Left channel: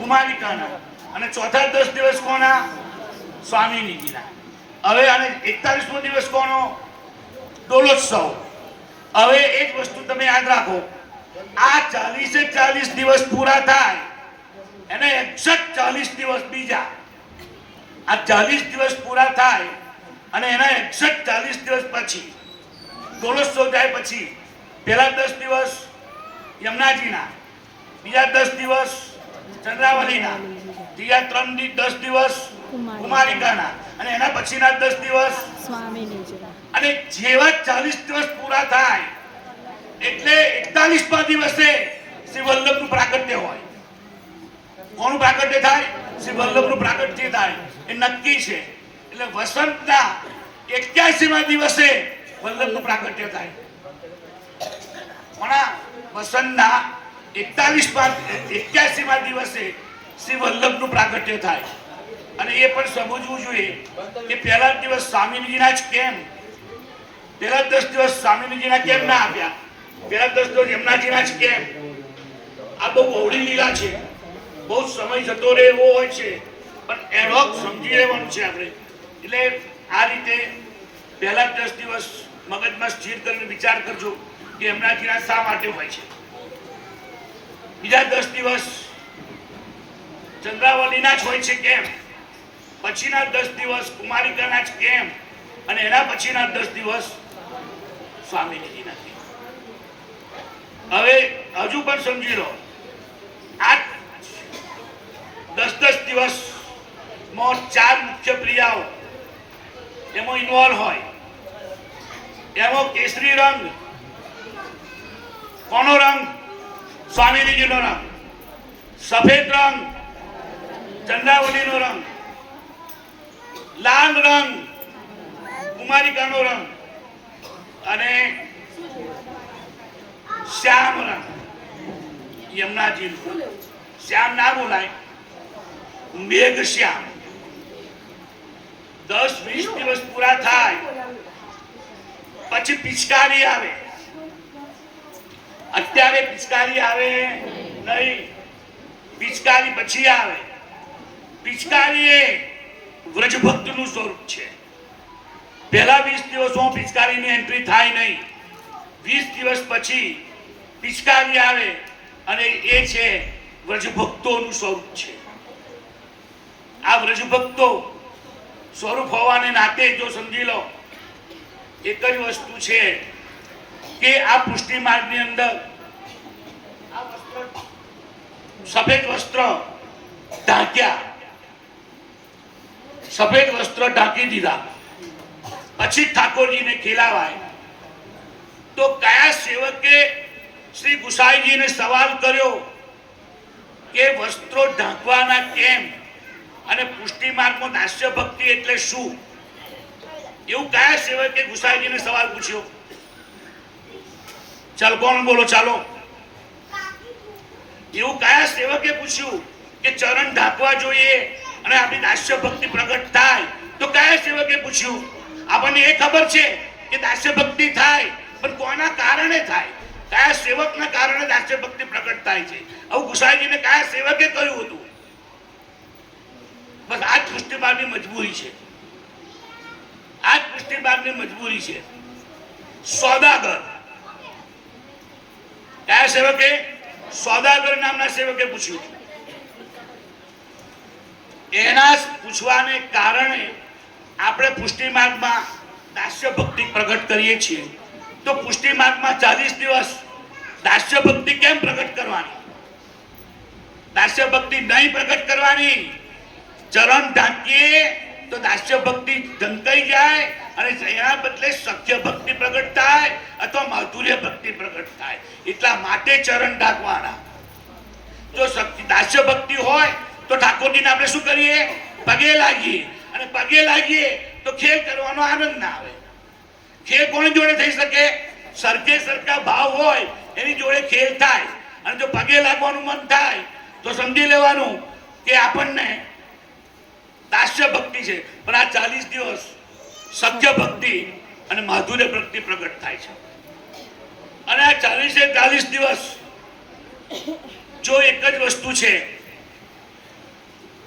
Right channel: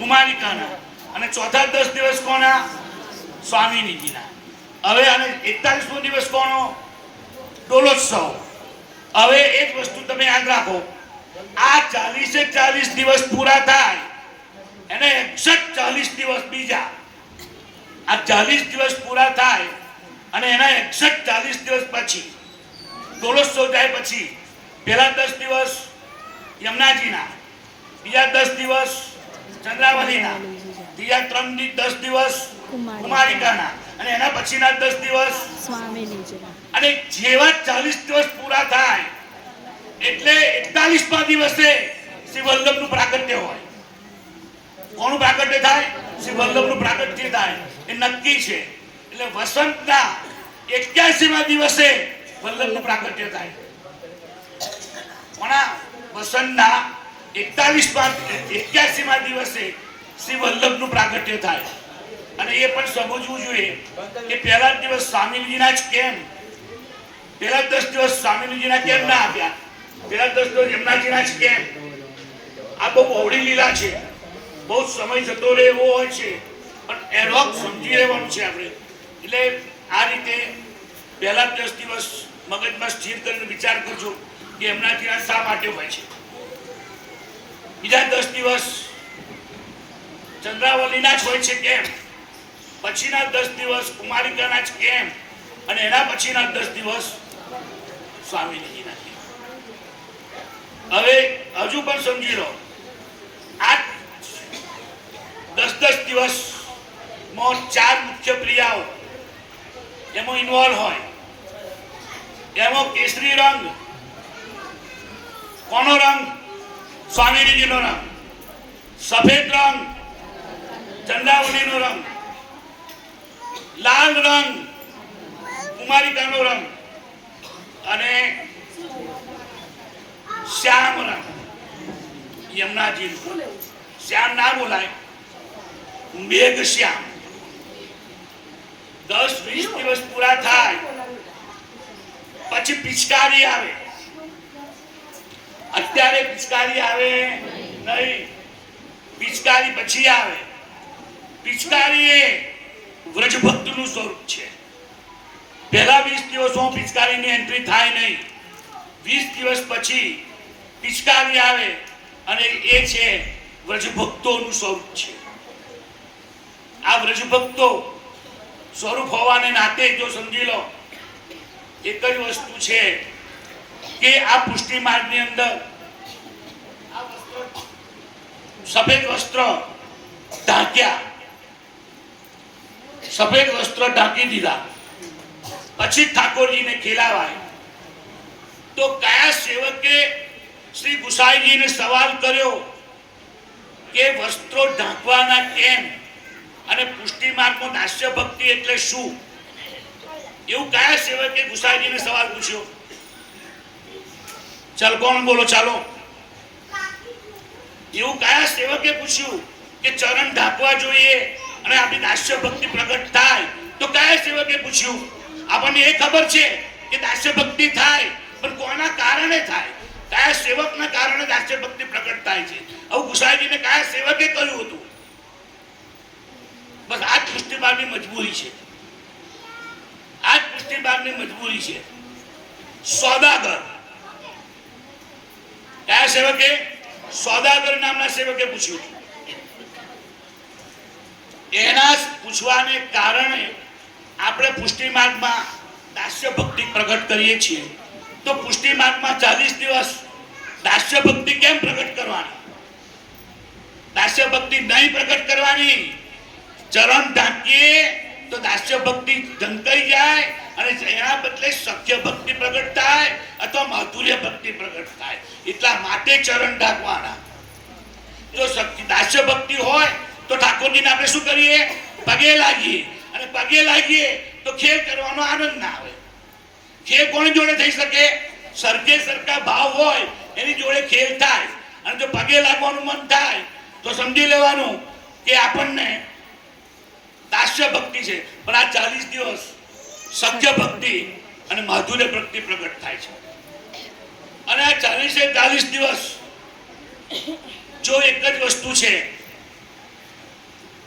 કુમારિકાના, અને ચોથા 10 દિવસ કોના? સ્વામિનીજીના. હવે આને 41મો દિવસ કોનો? ડોલોત્સવ. હવે એક વસ્તુ તમે યાદ રાખો, આ 40 દિવસ પૂરા થાય એને 41 દિવસ બીજા, આ 40 દિવસ પૂરા થાય અને એના 41 દિવસ પછી ડોલોત્સવ જાય પછી પહેલા 10 દિવસ યમુનાજીના, બીજા 10 દિવસ ચંદ્રાવલીના, ત્રીજા 10 દિવસ કુમારિકાના, અને એના પછીના 10 દિવસ સ્વામિનીજીના. અને જેવા 40 દિવસ પૂરા થાય એટલે 41મા દિવસે શ્રી વલ્લભનું પ્રાગટ્ય હોય. કોનું પ્રાગટ્ય થાય? શ્રી વલ્લભનું પ્રાગટ્ય થાય, એ નક્કી છે. એટલે વસંતના 81મા દિવસે વલ્લભનું પ્રાગટ્ય થાય. કોના? વસંતના 81મા દિવસે શ્રી વલ્લભનું પ્રાગટ્ય થાય. અને એ પણ સમજવું જોઈએ કે પહેલા દિવસ સ્વામીજીના જ કેમ, પહેલા 10 દિવસ સ્વામીજીના કેમ ના આપ્યા, પહેલા 10 દિવસ યમુનાજીના જ કેમ? આ બહુ બહોળી લીલા છે, બહુ સમય જતો રહે એવો હોય છે, પણ એનો સમજી લેવાનું છે આપણે. એટલે આ રીતે પહેલા 10 દિવસ મગજમાં સ્થિર કરીને વિચાર કરજો કે યમુનાજીના શા માટે હોય છે. બીજા 10 દિવસ ચંદ્રાવલીના જ હોય છે કેમ? પછીના 10 દિવસ કુમારિકાના જ કેમ? અને એના પછીના 10 દિવસ સ્વામિનીજીના કેમ? હવે હજુ પણ સમજી લો, આ 10 દિવસ માં 4 મુખ્ય ક્રિયાઓ એમાં ઇન્વોલ્વ હોય. એમાં કેસરી રંગ, કોનો રંગ? સ્વામિનીજીનો રંગ. સફેદ રંગ, ચંદ્રાવલીનો રંગ. લાલ રંગ, કુમારિકાનો રંગ. અને શ્યામ રંગ, યમુનાજીનો. શ્યામ ના બોલાય, મેઘ શ્યામ. 10-20 દિવસ પૂરા થાય પછી પિચકારી આવે. અત્યારે પિચકારી આવે નહીં, પિચકારી પછી આવે. પિચકારી એ વ્રજભક્તનું સ્વરૂપ છે. પહેલા 20 દિવસમાં પિચકારીની એન્ટ્રી થાય નહીં. 20 દિવસ પછી પિચકારી આવે અને એ છે વ્રજભક્તોનું સ્વરૂપ છે. આ વ્રજભક્તો સ્વરૂપ હોવાને નાતે જો સમજી લો, એક જ વસ્તુ છે કે આ પુષ્ટિ માર્ગની અંદર આ વસ્ત્ર, સફેદ વસ્ત્ર ઢાંક્યા, સફેદ વસ્ત્ર ઢાંકી દીધા પછી ઠાકોરજીને ખીલાવાય. તો કયા સેવકે શ્રી ગુસાઈજીને સવાલ કર્યો કે વસ્ત્રો ઢાંકવાના કેમ, અને પુષ્ટિ માર્ગમાં દાસ્ય ભક્તિ એટલે શું? એવું કયા સેવકે ગુસાઈજીને સવાલ પૂછ્યો? ચાલ કોણ બોલો? ચાલો, એવું કયા સેવકે પૂછ્યું કે ચરણ ઢાંકવા જોઈએ અને આપણી દાસ્ય ભક્તિ પ્રગટ થાય? તો કયા સેવકે પૂછ્યું? આપણને એ ખબર છે કે દાસ્ય ભક્તિ થાય, પણ કોના કારણે થાય? કયા સેવકના કારણે દાસ્ય ભક્તિ પ્રગટ થાય છે? આવું ગુસાઈજીને કયા સેવકે કહ્યું હતું? બસ આ જ પુષ્ટિ માર્ગની મજબૂરી છે. આ જ પુષ્ટિ માર્ગની મજબૂરી છે. સોદાગર, કયા સેવકે? સોદાગર નામના સેવકે પૂછ્યું હતું. એના પૂછવાને કારણે આપણે પુષ્ટિ માર્ગમાં દાસ્ય ભક્તિ પ્રગટ કરીએ છીએ. તો પુષ્ટિ માર્ગમાં 40 દિવસ દાસ્ય ભક્તિ કેમ પ્રગટ કરવાની? દાસ્ય ભક્તિ નહીં પ્રગટ કરવાની. ચરણ ઢાંકીએ તો દાસ્ય ભક્તિ ઢંકાઈ જાય અને એના બદલે સખ્ય ભક્તિ પ્રગટ થાય અથવા માધુર્ય ભક્તિ પ્રગટ થાય. એટલા માટે ચરણ ઢાંકવાના. જો દાસ્ય ભક્તિ હોય તો ઠાકોરજીને આપણે શું કરીએ? પગે લાગીએ. અને પગે લાગીએ તો ખેલ કરવાનો આનંદ ના આવે. ખેલ કોની જોડે થઈ શકે? સરખે સરખા ભાવ હોય એની જોડે ખેલ થાય. અને જો પગે લાગવાનું મન થાય તો સમજી લેવાનું કે આપણને દાસ્ય ભક્તિ છે. પણ આ 40 દિવસ સખ્ય ભક્તિ અને માધુર્ય ભક્તિ પ્રગટ થાય છે. અને આ 40 દિવસ જો એક જ વસ્તુ છે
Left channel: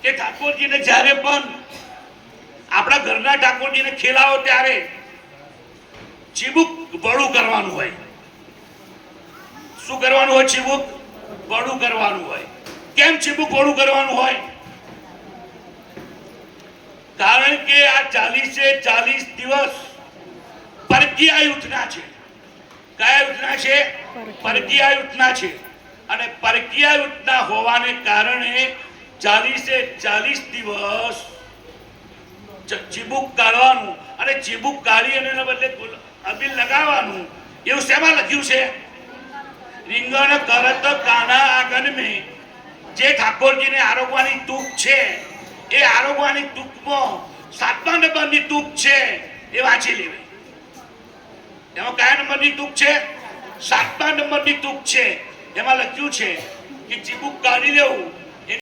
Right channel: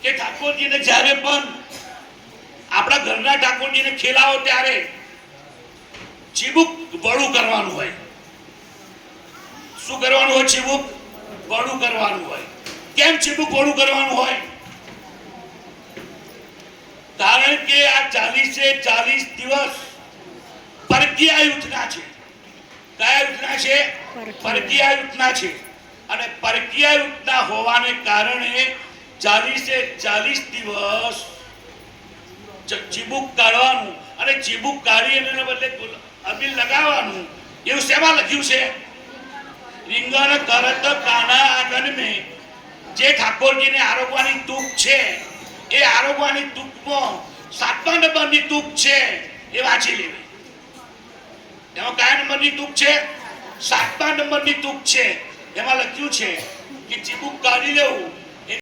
કે ઠાકોરજીને જ્યારે પણ આપણા ઘરના ઠાકોરજીને ખેલાવો ત્યારે ચીબુક વળું કરવાનું હોય. શું કરવાનું હોય? ચીબુક વળું કરવાનું હોય. કેમ ચીબુક વળું કરવાનું હોય? કારણ કે આ 40 દિવસ પરકીય યુથના છે. કયા યુથના છે? પરકીય યુથના છે. અને પરકીય યુથના હોવાને કારણે 40 દિવસ ચીબુક કાઢવાનું અને ચીબુક કાઢી અને એના બદલે અબીલ લગાવવાનું. એવું શેમાં લખ્યું છે? રીંગણ કરત કાના આંગણ મેં. જે ઠાકોરજીને આરોગવાની તૂક છે એ આરોગવાની તૂકમાં 7મા નંબરની તૂક છે એ વાંચી લેવી. એમાં કયા નંબરની તૂક છે? 7મા નંબરની તૂક છે. એમાં લખ્યું છે કે ચીબુક કાઢી લેવું